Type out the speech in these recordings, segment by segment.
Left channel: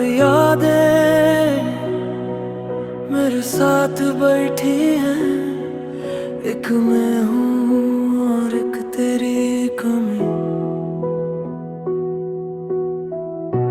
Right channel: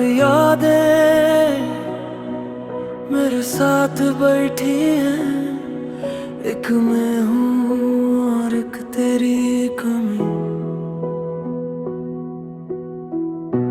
और यादें मेरे साथ बैठी हैं, एक मैं हूँ और एक तेरी कमी।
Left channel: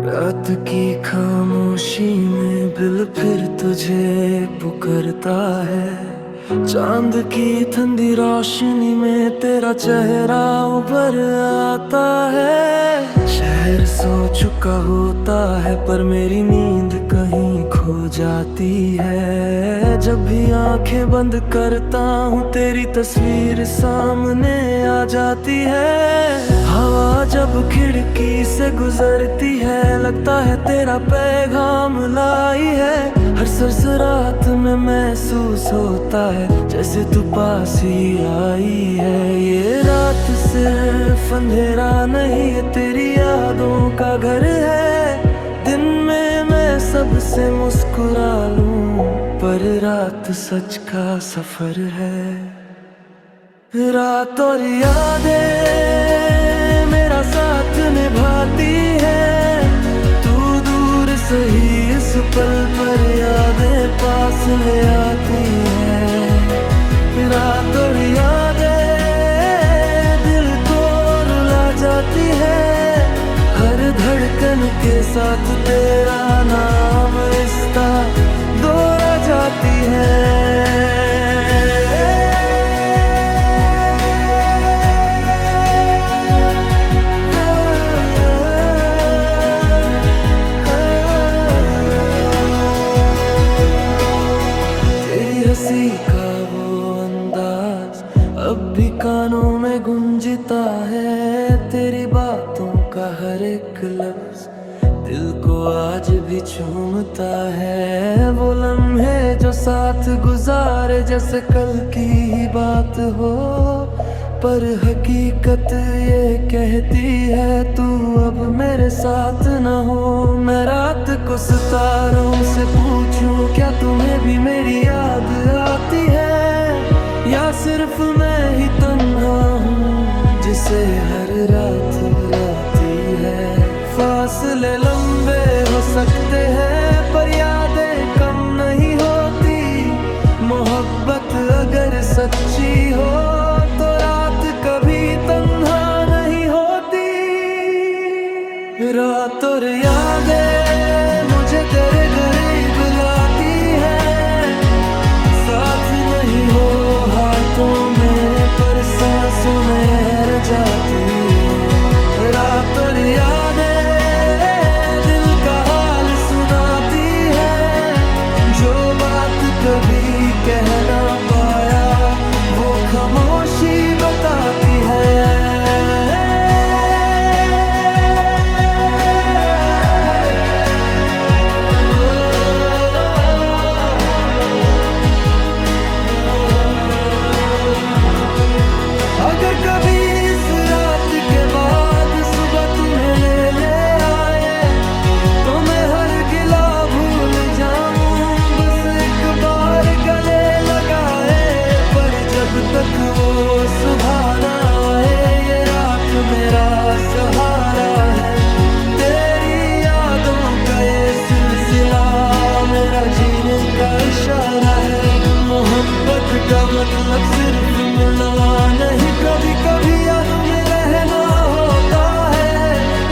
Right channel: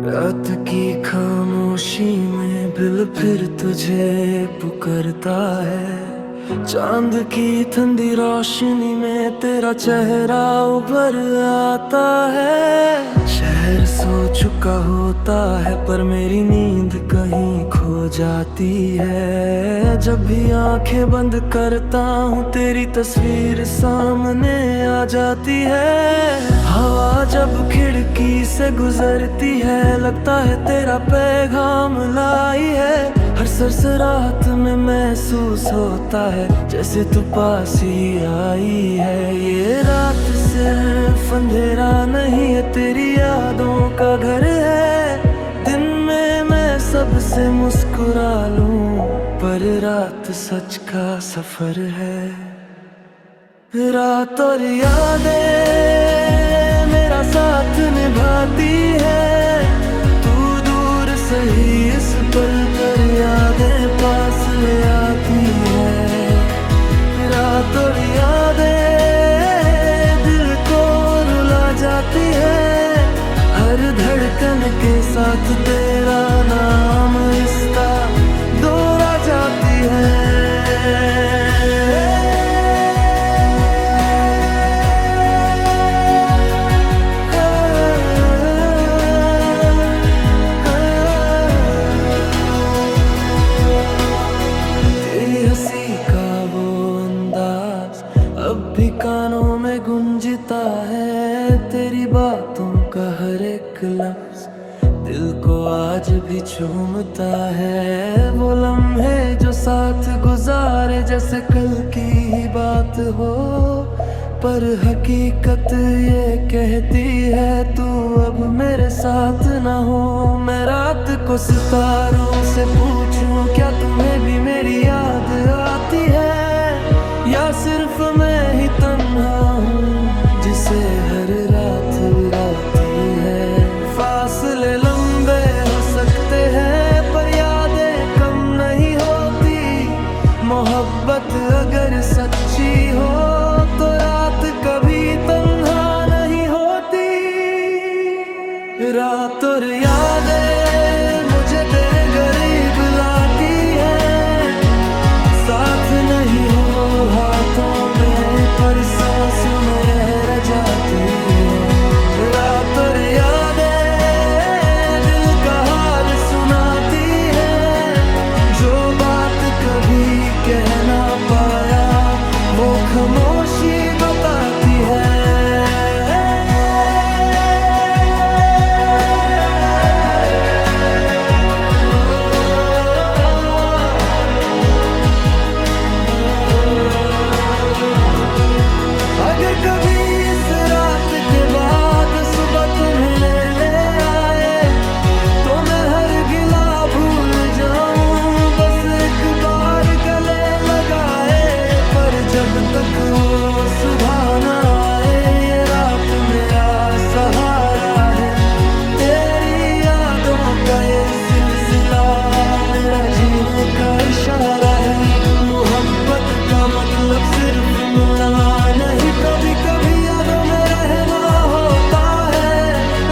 रात की खामोशी में दिल फिर तुझे पुकारता है। चांद की ठंडी रोशनी में तेरा चेहरा उभर आता है। शहर सो चुका होता है पर मेरी नींद कहीं खो जाती है। जब भी आंखें बंद करता हूँ तेरी तस्वीर सामने आ जाती है। हवा जब खिड़की से गुजरती है लगता है तेरा पैगाम लाई है। हर सरसराहट में महसूस होता है जैसे तू पास ही आई है। ये रात सिर्फ अंधेरा नहीं है, तेरी यादों का घर है। दिन में मैं सबसे मुस्कुरा लूं पर रात सच का सफर है। रात और यादें मेरा साथ निभाती है। तू दूर सही इस पल पर यादें पास ले आती है। रात और यादें दिल को रुला जाती है। हर धड़कन के साथ तेरा नाम रिश्ता दोहरा जाती है। हंसी का वो अंदाज अब भी कानों में गूंजता है। तेरी बातों का हर एक लफ्ज दिल को आज भी चूमता है। वो लम्हे जो साथ गुजारे जैसे कल की ही बात हो, पर हकीकत ये कहती है तू अब मेरे साथ न हो। मैं रात को सितारों से पूछूं क्या तुम्हें भी मेरी याद आती है, या सिर्फ मैं ही तन्हा हूँ जिसे हर रात राती है। फासले लंबे हो सकते हैं पर यादें कम नहीं होती। मोहब्बत अगर सच्ची हो तो रात कभी तन्हा नहीं होती। रात और यादें मुझे तेरे करीब लाती है। साथ नहीं हो हाथों में पर सांसों में रह जाती है। रात और यादें दिल का हाल सुनाती है। जो बात कभी कह ना पाया वो खामोशी बताती है। अगर कभी इस रात के बाद सुबह तुम्हें ले आए तो मैं हर गिला भूल जाऊं, बस एक बार गले लगाए। पर जब तक वो सुबह ना आए ये रात मेरा सहारा है। तेरी यादों का ये सिलसिला मेरा जीने का इशारा है। मोहब्बत का मतलब सिर्फ मिलना नहीं, कभी कभी यादों में रहना होता है।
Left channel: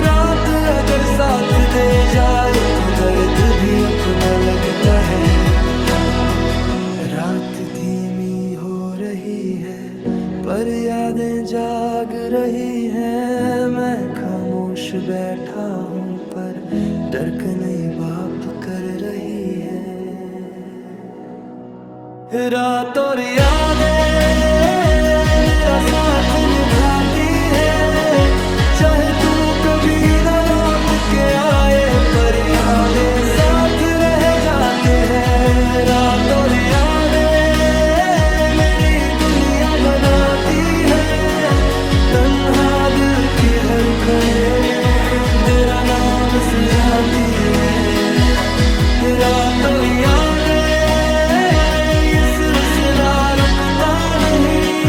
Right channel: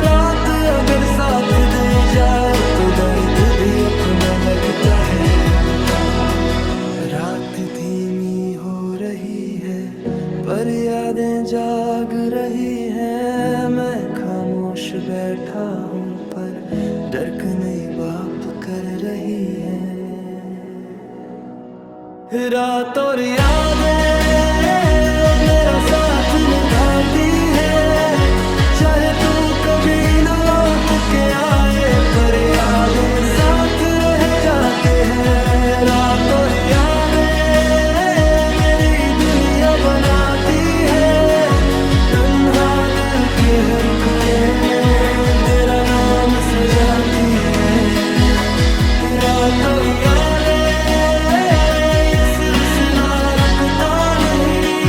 रात अगर साथ दे जाए तो दर्द भी अपना लगता है। रात धीमी हो रही है पर यादें जाग रही हैं। मैं खामोश बैठा हूँ पर धड़कनें बाप कर रही है। रात और यादें मेरा साथ निभाती है। चाहे तू कभी न लौट के आए पर यादें साथ रह जाते हैं। रात और यादें मेरी दुनिया बनाती है। तन्हा दिल के हर कोने में तेरा नाम सजाती है। रात और यादें ये सिलसिला रुकता नहीं।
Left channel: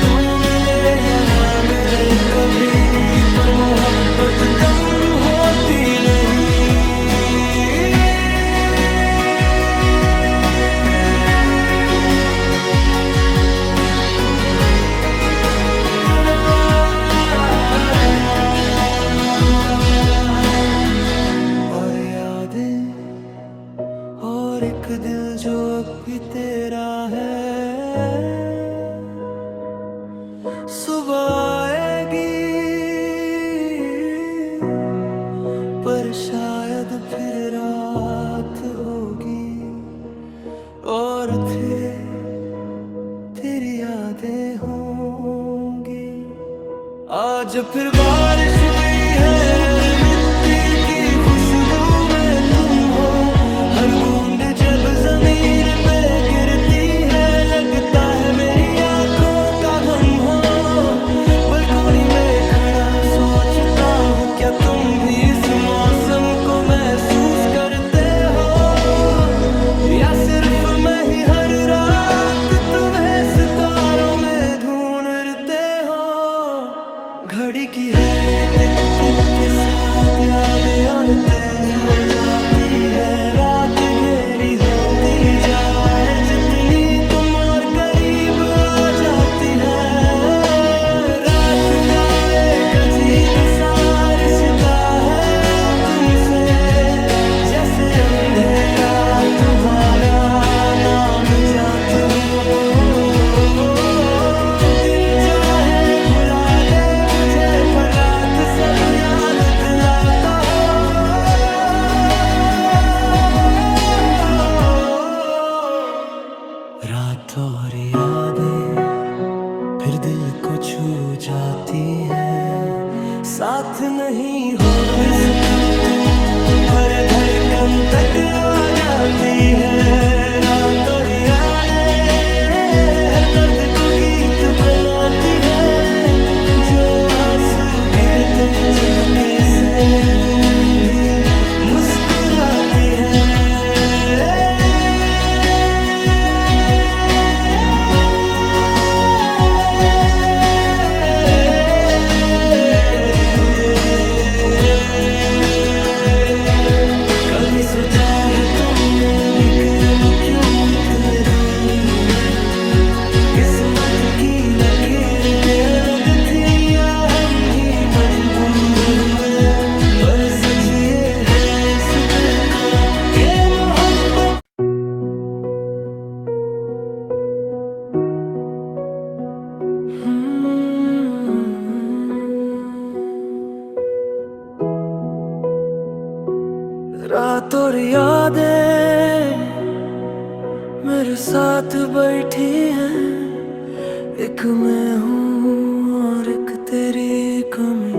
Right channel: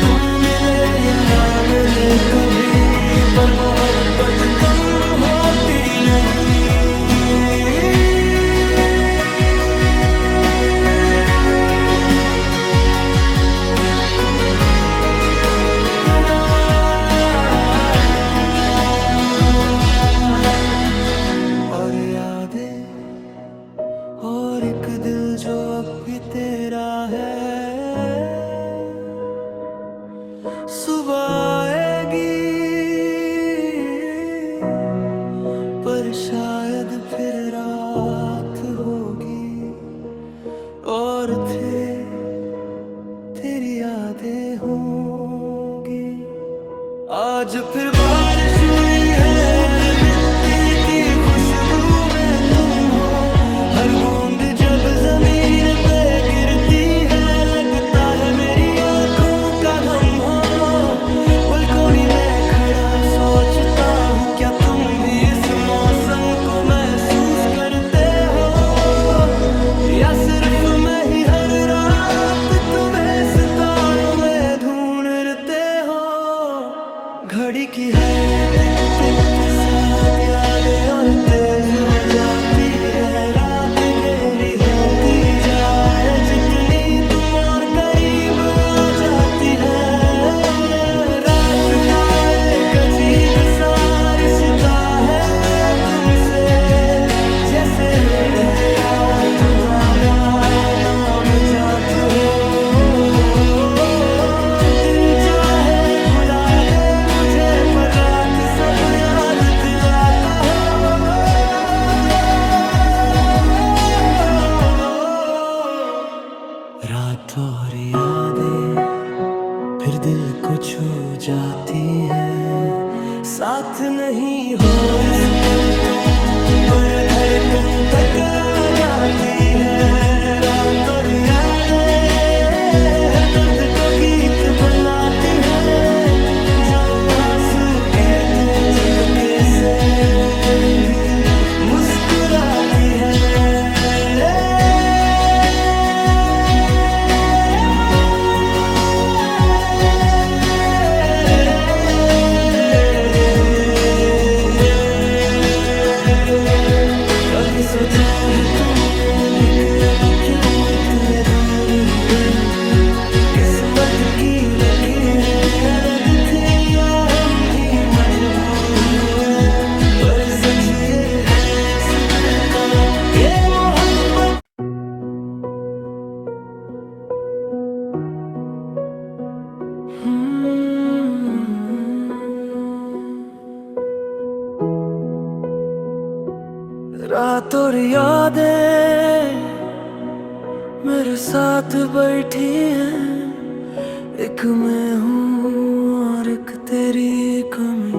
तू मिले या ना मिले कभी पर मोहब्बत कम होती नहीं। और एक दिल जो अब भी तेरा है। सुबह आएगी पर शायद फिर रात होगी, और तेरी यादें होंगी। आज फिर बारिश हुई है, हर मिट्टी की खुशबू में तुम हो। हर बूंद जब जमीन पे गिरती है, लगता है मेरी आंखों का गम हो। बालकोनी में खड़ा सोचता हूँ, क्या तुम भी इस मौसम को महसूस करते हो, या सिर्फ मैं ही हर रात तुम्हें सितारों में ढूंढते हो। घड़ी की हर टिक टिक के साथ यादें और तेज हो जाती है। रात गहरी होती जाए जितनी तुम और करीब आ जाती है। रात का एक अजीब सा रिश्ता है तुमसे, जैसे अंधेरा तुम्हारा नाम जात हो। दिन चाहे भुला दे मुझे, पर रात सब याद दिलाता हो। रात और यादें फिर दिल को छू जाती है। साथ नहीं हो इस पल तुम, पर धड़कन तक आ जाती है। रात और यादें हर दर्द को गीत बनाती है। जो आंसू गिरते चुपके से उन्हें भी मुस्कुराती है। कभी सोचा है तुमने भी कि हम क्यों इतने दूर हुए। किस्मत की लकीरें अलग थी, या हम भी मजबूर हुए। पर सच ये है इस दिल का कि मोहब्बत रात और यादें मेरे साथ बैठी हैं। एक मैं हूँ और एक तेरी कमी।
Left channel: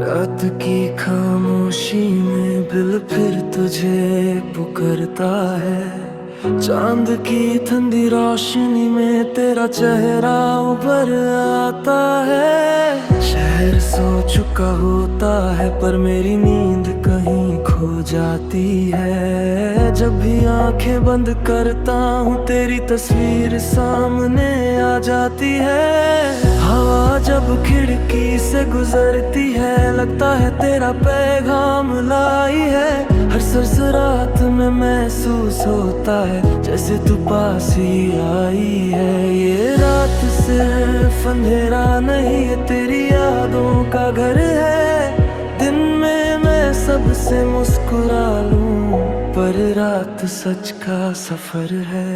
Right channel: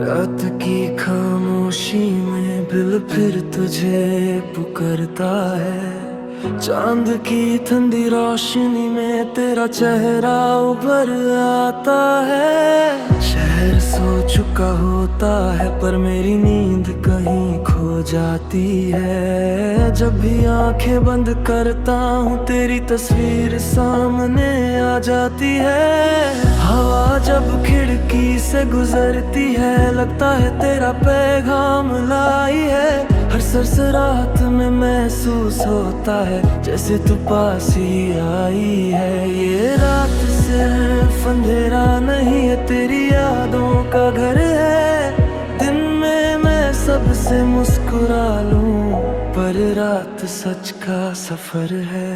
रात की खामोशी में दिल फिर तुझे पुकारता है। चांद की ठंडी रोशनी में तेरा चेहरा उभर आता है। शहर सो चुका होता है, पर मेरी नींद कहीं खो जाती है। जब भी आंखें बंद करता हूँ, तेरी तस्वीर सामने आ जाती है। हवा जब खिड़की से गुजरती है, लगता है तेरा पैगाम लाई है। हर सरसरात में महसूस होता है जैसे तू पास ही आई है। ये रात सिर्फ अंधेरा नहीं है, तेरी यादों का घर है। दिन में मैं सबसे मुस्कुरा लूं, पर रात सच का सफर है।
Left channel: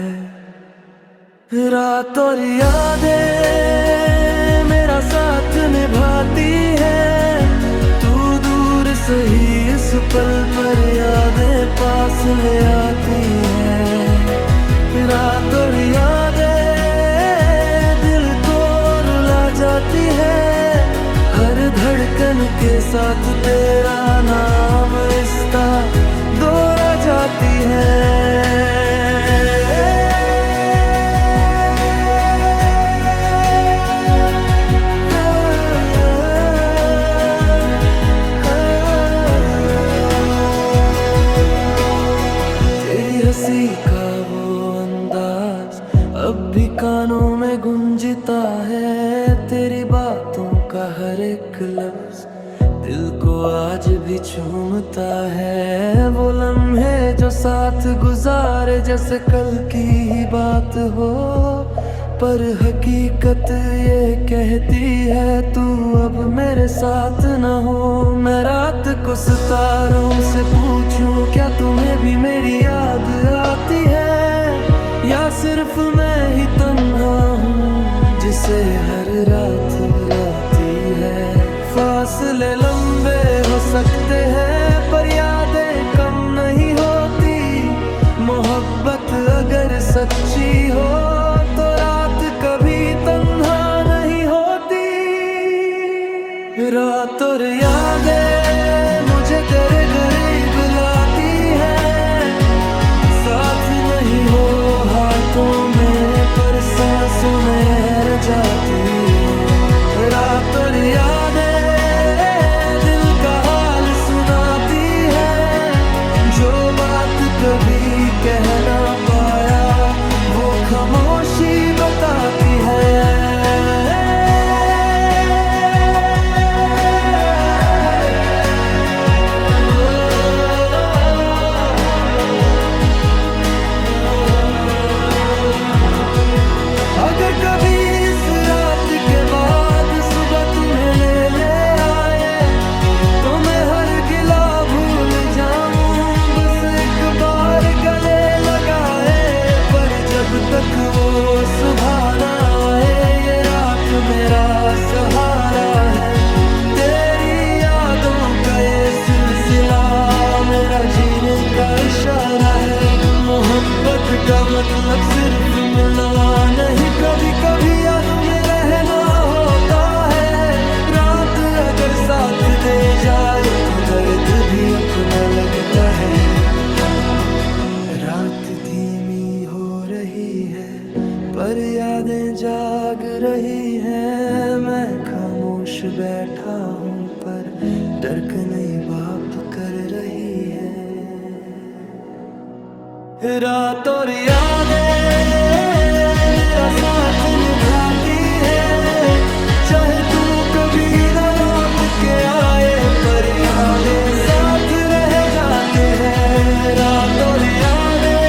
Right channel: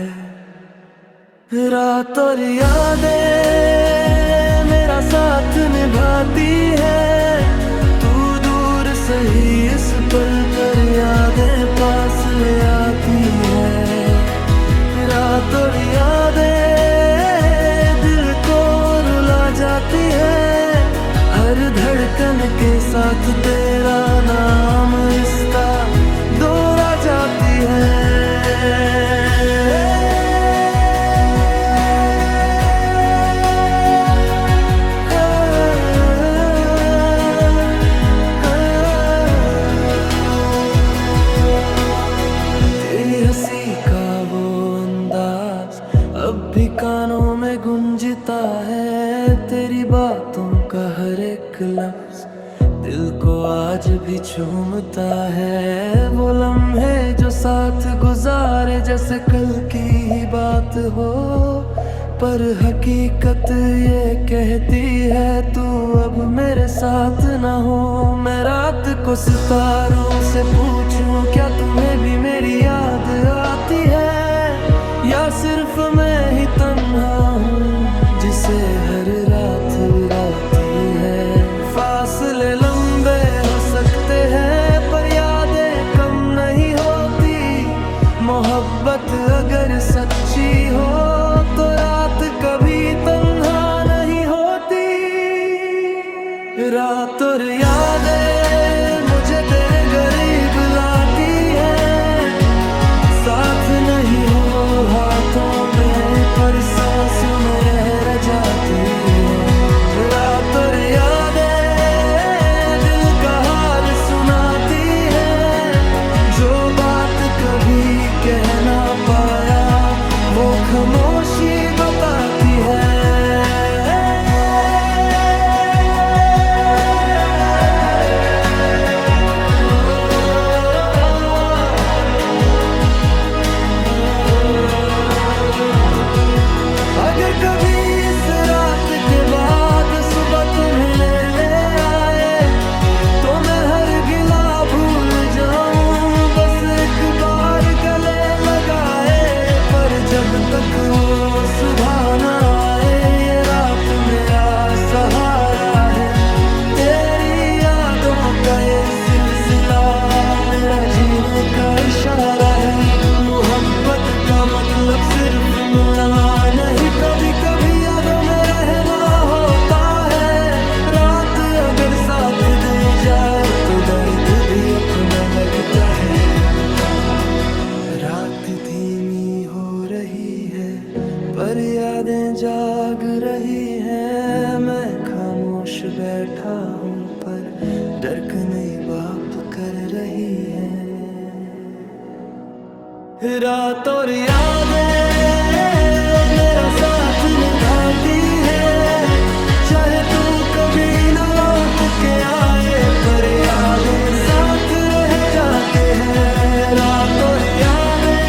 रात और यादें मेरा साथ निभाती है। तू दूर सही इस पल पर यादें पास ले आती है। रात और यादें दिल को रुला जाती है। हर धड़कन के साथ तेरा नाम रिश्ता दोहरा जाती है। हंसी का वो अंदाज अब भी कानों में गूंजता है। तेरी बातों का हर एक लफ्ज दिल को आज भी चूमता है। वो लम्हे जो साथ गुजारे जैसे कल की ही बात हो, पर हकीकत रात ये कहती है तू अब मेरे साथ न हो। मैं रात को सितारों से पूछूं क्या तुम्हें भी मेरी याद आती है, या सिर्फ मैं ही तन्हा हूँ जिसे हर रात राती है। फासले लंबे हो सकते हैं पर यादें कम नहीं होती। मोहब्बत अगर सच्ची हो तो रात कभी तन्हा नहीं होती। रात और यादें मुझे तेरे करीब लाती है, साथ नहीं हो हाथों में पर सांसों में रह जाती है। रात और यादें दिल का हाल सुनाती है, जो बात कभी कह ना पाया वो खामोशी बताती है। अगर कभी इस रात के बाद सुबह तुम्हें ले आए तो मैं हर गिला भूल जाऊं, बस एक बार गले लगाए। पर जब तक वो सुबह ना आए ये रात मेरा सहारा है। तेरी यादों का ये सिलसिला मेरा जीने का इशारा है। मोहब्बत का मतलब सिर्फ मिलना नहीं, कभी कभी यादों में रहना होता है। रात अगर साथ दे जाए तो दर्द भी अपना लगता है। रात धीमी हो रही है पर यादें जाग रही हैं। मैं खामोश बैठा हूँ पर धड़कनें बाप कर रही है। रात और यादें मेरा साथ निभाती है, चाहे तू कभी न लौट के आए पर यादें साथ रह जाते हैं। रात और यादें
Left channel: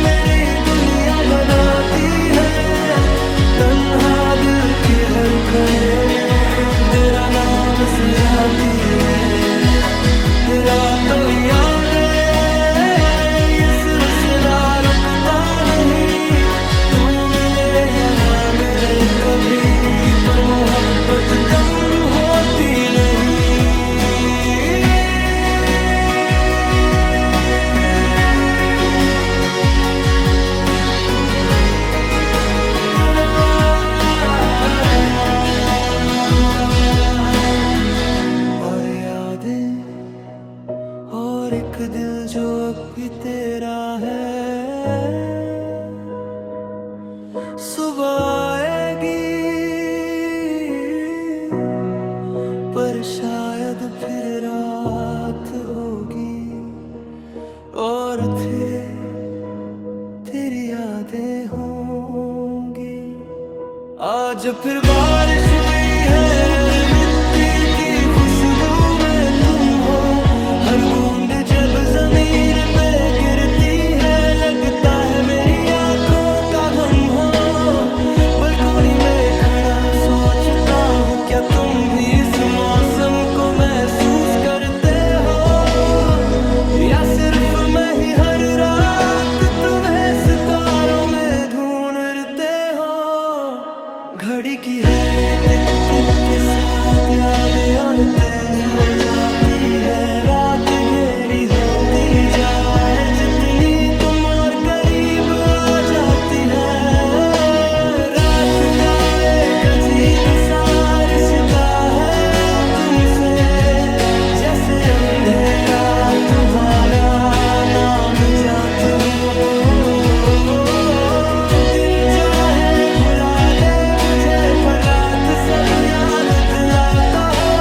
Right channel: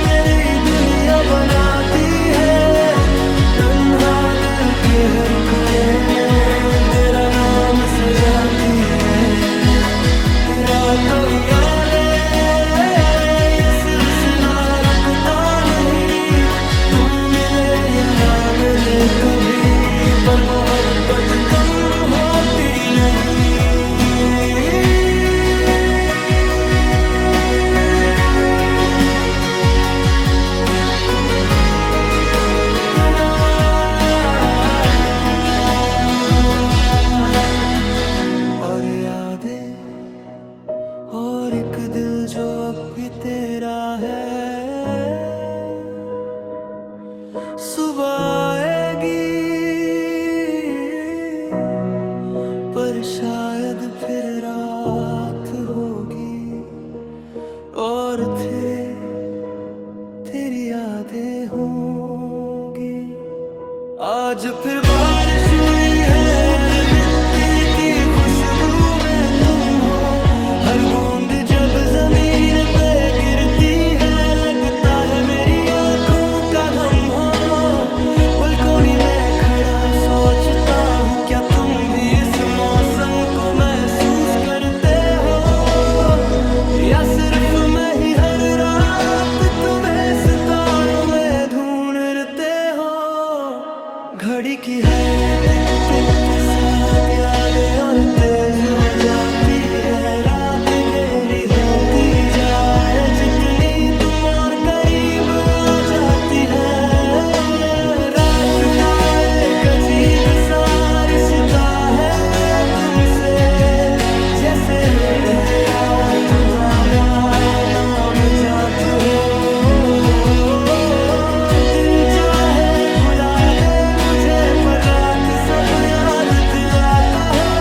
मेरी दुनिया बनाती है, तन्हा दिल के हर कोने में तेरा नाम सजाती है। रात और यादें ये सिलसिला रुकता नहीं, तू मिले या ना मिले कभी पर मोहब्बत कम होती नहीं। और यादें और एक दिल जो अब भी तेरा है। सुबह आएगी पर शायद फिर रात होगी और तेरी यादें होंगी। आज फिर बारिश हुई है, मिट्टी की खुशबू में तुम हो। हर बूंद जब जमीन पे गिरती है लगता है मेरी आंखों का गम हो। बलकोनी में खड़ा सोचता हूँ क्या तुम भी इस मौसम को महसूस करते हो, या सिर्फ मैं ही हर रात तुम्हें सितारों में ढूंढते हो। घड़ी की हर टिक टिक के साथ यादें और तेज हो जाती है। रात गहरी होती जाए जितनी तुम और करीब आ जाती है। रात का एक अजीब सा रिश्ता है तुमसे, जैसे अंधेरा तुम्हारा नाम जात हो। दिन चाहे भुला दे मुझे पर रात सब याद दिलाता हो।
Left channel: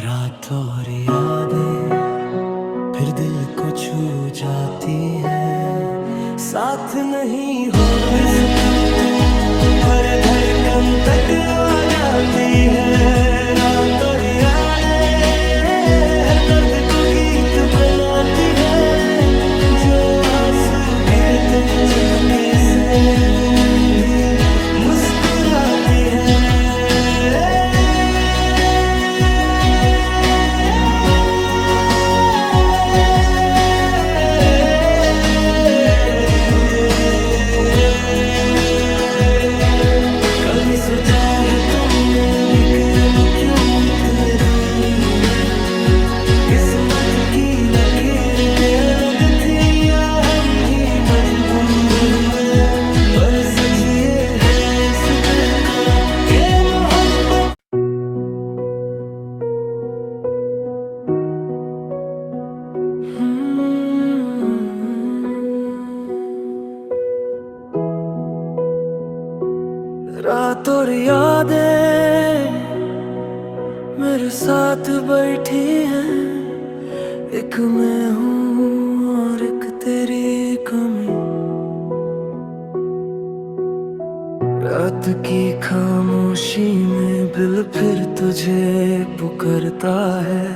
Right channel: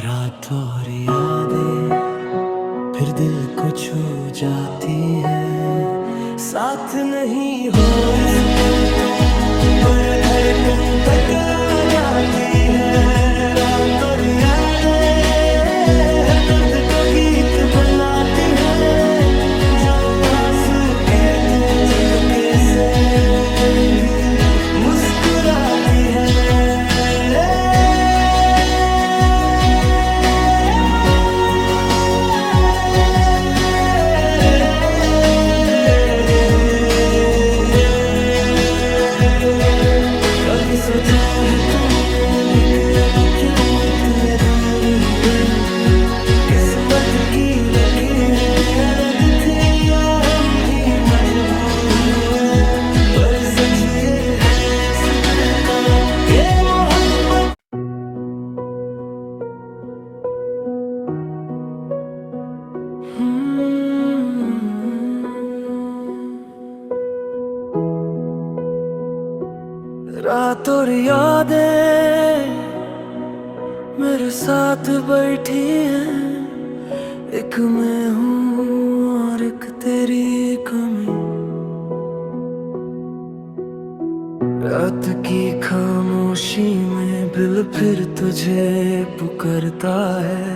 रात और यादें फिर दिल को छू जाती है, साथ नहीं हो इस पल तुम पर धड़कन तक आ जाती है। रात और यादें हर दर्द को गीत बनाती है, जो चुपके से मैं भी मुस्कुराती है। कभी सोचा है तुमने भी कि हम क्यों इतने दूर हुए? किस्मत की लकीरें अलग थी या हम भी मजबूर हुए? पर सच ये है इस दिल का कि मोहब्बत रात और यादें मेरे साथ बैठी हैं, एक मैं हूँ और एक तेरी कमी। रात की खामोशी में दिल फिर तुझे पुकारता है।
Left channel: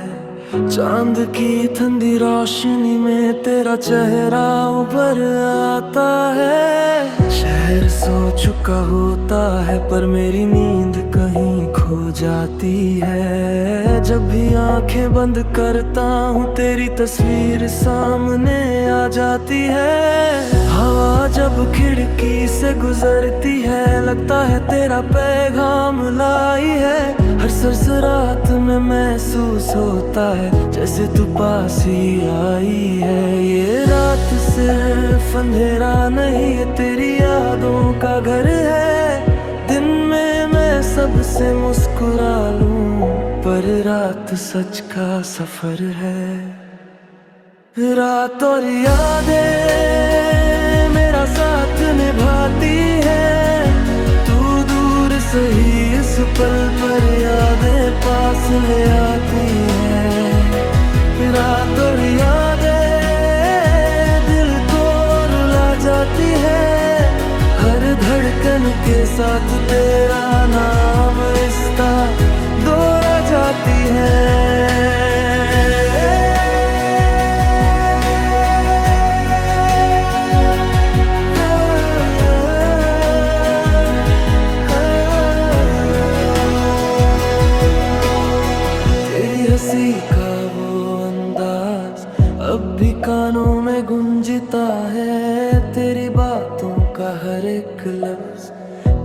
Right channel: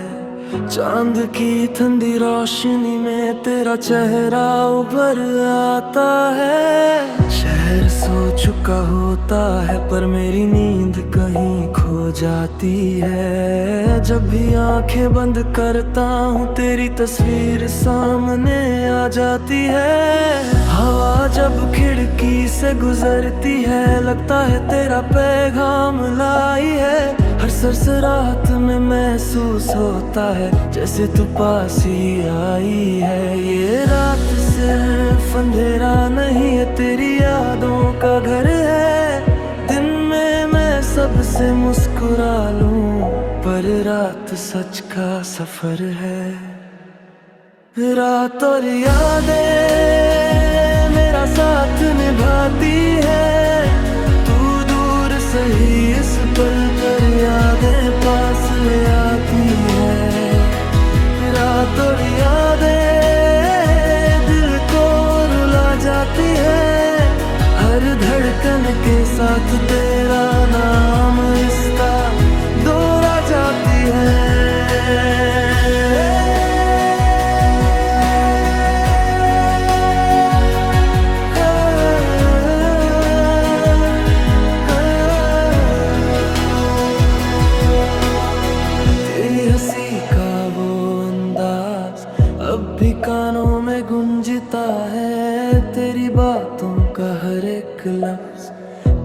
चांद की ठंडी रोशनी में तेरा चेहरा उभर आता है। शहर सो चुका होता है पर मेरी नींद कहीं खो जाती है। जब भी आंखें बंद करता हूँ तेरी तस्वीर सामने आ जाती है। हवा जब खिड़की से गुजरती है लगता है तेरा पैगाम लाई है। हर सरसरात में महसूस होता है जैसे तू पास ही आई है। ये रात सिर्फ अंधेरा नहीं है तेरी यादों का घर है। दिन में मैं सबसे मुस्कुरा लूं पर रात सच का सफर है। रात और यादें मेरा साथ निभाती है। तू दूर सही इस पल पर यादें पास ले आती है। रात और यादें दिल को रुला जाती है। हर धड़कन के साथ तेरा नाम रिश्ता दोहरा जाती है। हंसी का वो अंदाज अब भी कानों में गूंजता है। तेरी बातों का हर एक लफ्ज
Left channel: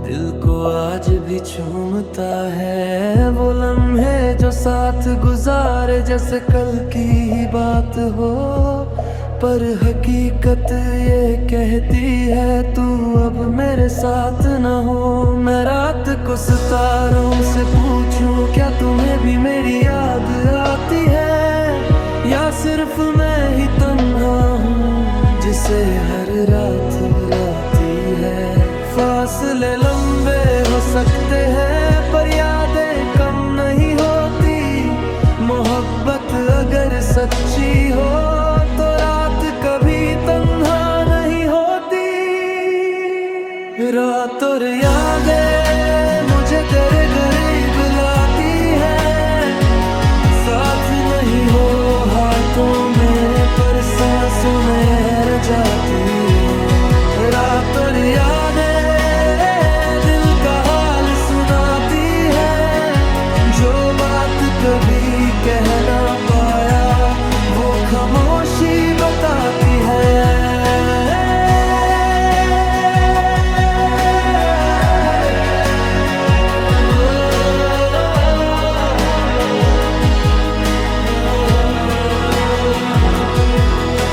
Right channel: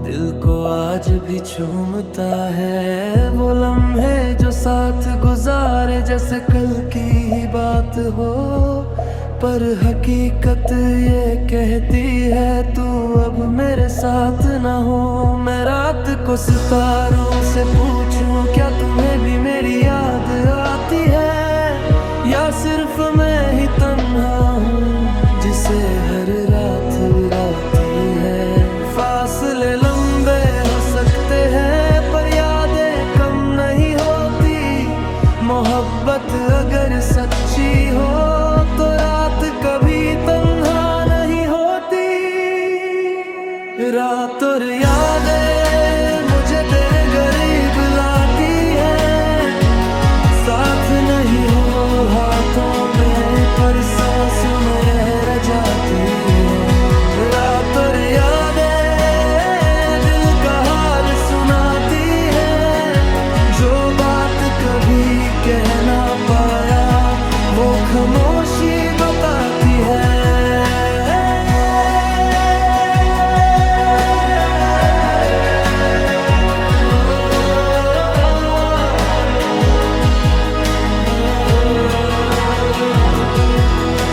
दिल को आज भी चूमता है। वो लम्हे जो साथ गुजारे जैसे कल की ही बात हो, पर हकीकत ये कहती है तू अब मेरे साथ न हो। मैं रात को सितारों से पूछूं क्या तुम्हें भी मेरी याद आती है, या सिर्फ मैं ही तन्हा हूँ जिसे हर रात राती है। फासले लंबे हो सकते हैं पर यादें कम नहीं होती। मोहब्बत अगर सच्ची हो तो रात कभी तन्हा नहीं होती। रात और यादें मुझे तेरे करीब लाती है। साथ नहीं हो हाथों में पर सांसों में रह जाती है। रात और यादें दिल का हाल सुनाती है। जो बात कभी कह ना पाया वो खामोशी बताती है।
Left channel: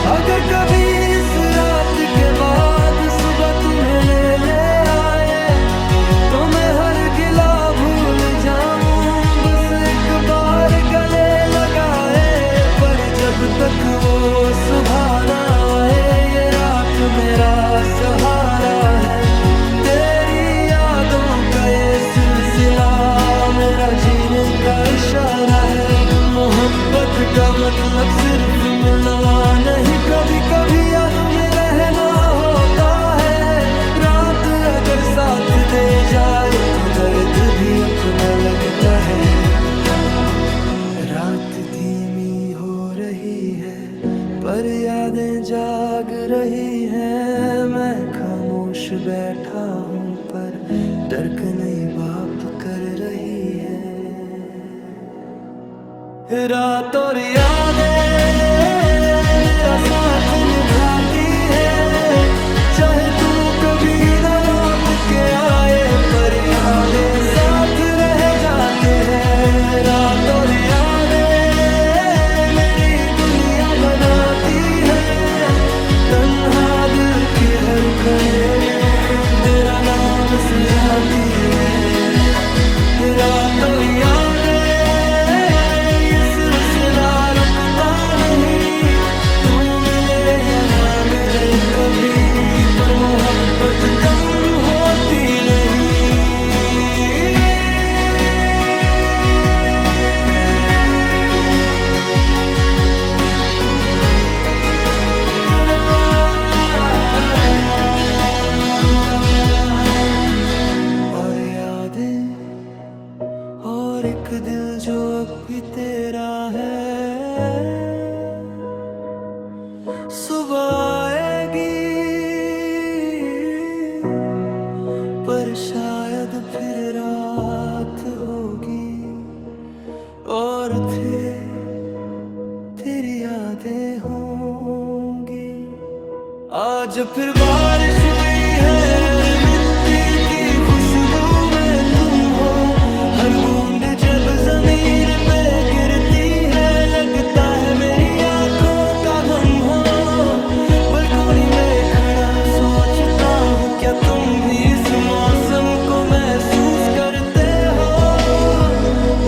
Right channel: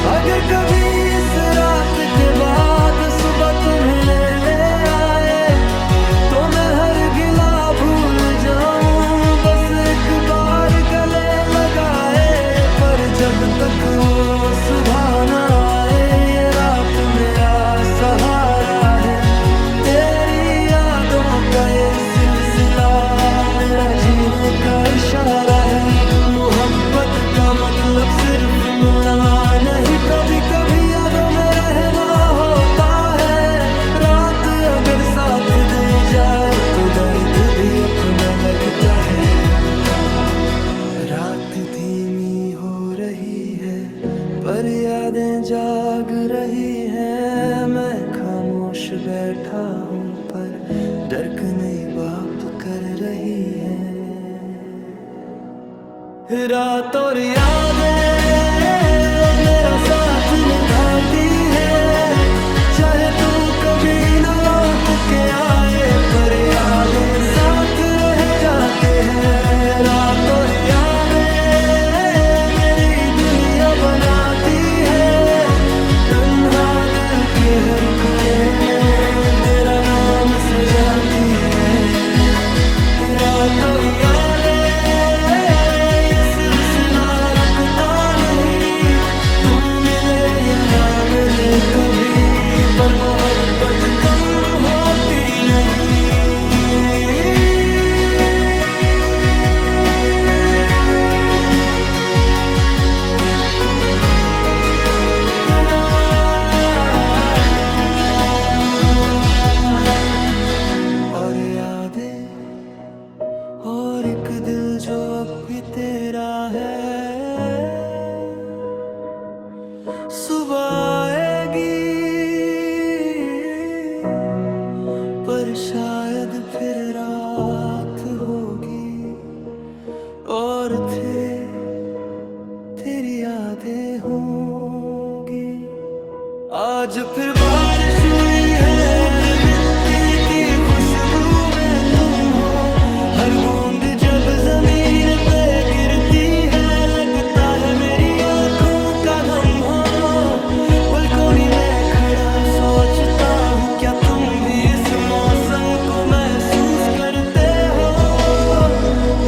अगर कभी इस रात के बाद सुबह तुम्हें ले आए तो मैं हर गिला भूल जाऊं, बस एक बार गले लगाए। पर जब तक वो सुबह ना आए ये रात मेरा सहारा है। तेरी यादों का ये सिलसिला मेरा जीने का इशारा है। मोहब्बत का मतलब सिर्फ मिलना नहीं, कभी कभी यादों में रहना होता है। रात अगर साथ दे जाए तो दर्द भी अपना लगता है। रात धीमी हो रही है पर यादें जाग रही हैं। मैं खामोश बैठा हूँ पर धड़कनें बाप कर रही है। रात और यादें मेरा साथ निभाती है, चाहे तू कभी न लौट के आए पर यादें साथ रह जाते हैं। रात और यादें मेरी दुनिया बनाती है, तन्हा दिल के हर कोने में तेरा नाम सजाती है। रात और यादें ये सिलसिला रुकता नहीं, तू मिले या ना मिले कभी पर मोहब्बत कम होती नहीं। और यादें और एक दिल जो अब भी तेरा है। सुबह आएगी पर शायद फिर रात होगी और तेरी यादें होंगी। आज फिर बारिश हुई है, मिट्टी की खुशबू में तुम हो, हर बूंद जब जमीन पे गिरती है लगता है मेरी आंखों का गम हो। बलकोनी में खड़ा सोचता हूँ क्या तुम भी इस मौसम को महसूस करते हो,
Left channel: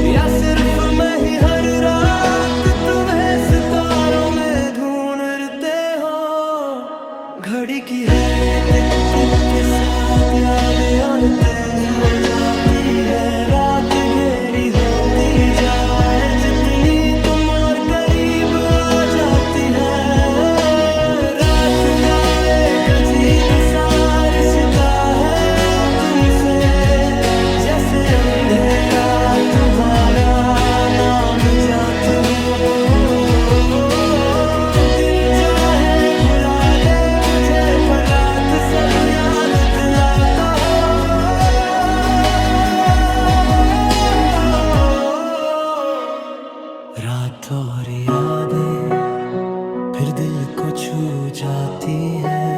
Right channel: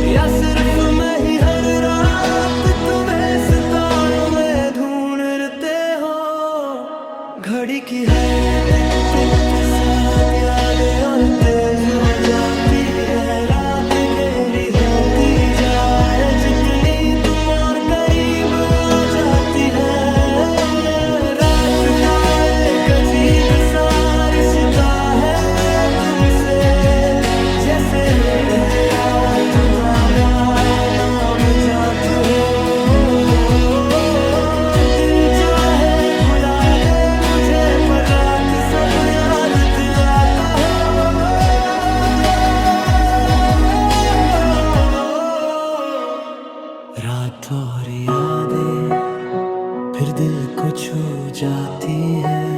या सिर्फ मैं ही हर रात तुम्हें सितारों में ढूंढते हो। घड़ी की हर टिक टिक के साथ यादें और तेज हो जाती है, रात गहरी होती जाए जितनी तुम और करीब आ जाती है। रात का एक अजीब सा रिश्ता है तुमसे, जैसे अंधेरा तुम्हारा नाम जात हो। दिन चाहे भुला दे मुझे पर रात सब याद दिलाता हो। रात और यादें फिर दिल को छू जाती है,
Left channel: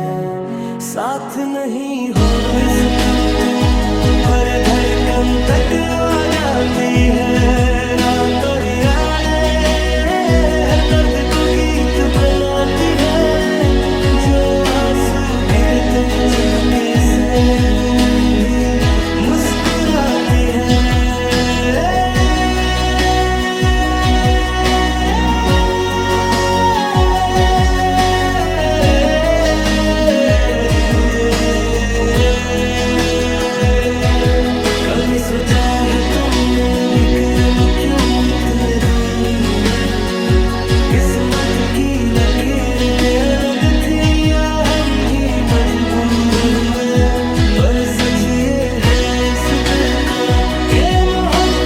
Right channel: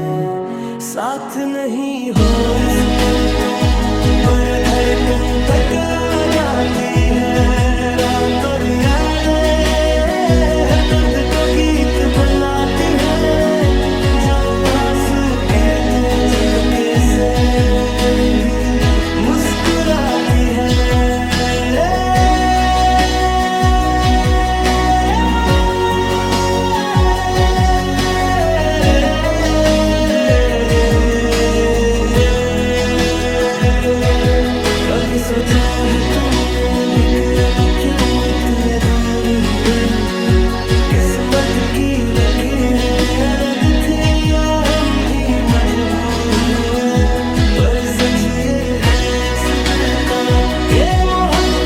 साथ नहीं हो इस पल तुम पर धड़कन तक आ जाती है। रात और यादें हर दर्द को गीत बनाती है, जो आंसू गिरते चुपके से उन्हें भी मुस्कुराती है। कभी सोचा है तुमने भी कि हम क्यों इतने दूर हुए, किस्मत की लकीरें अलग थी या हम भी मजबूर हुए। पर सच ये है इस दिल का कि मोहब्बत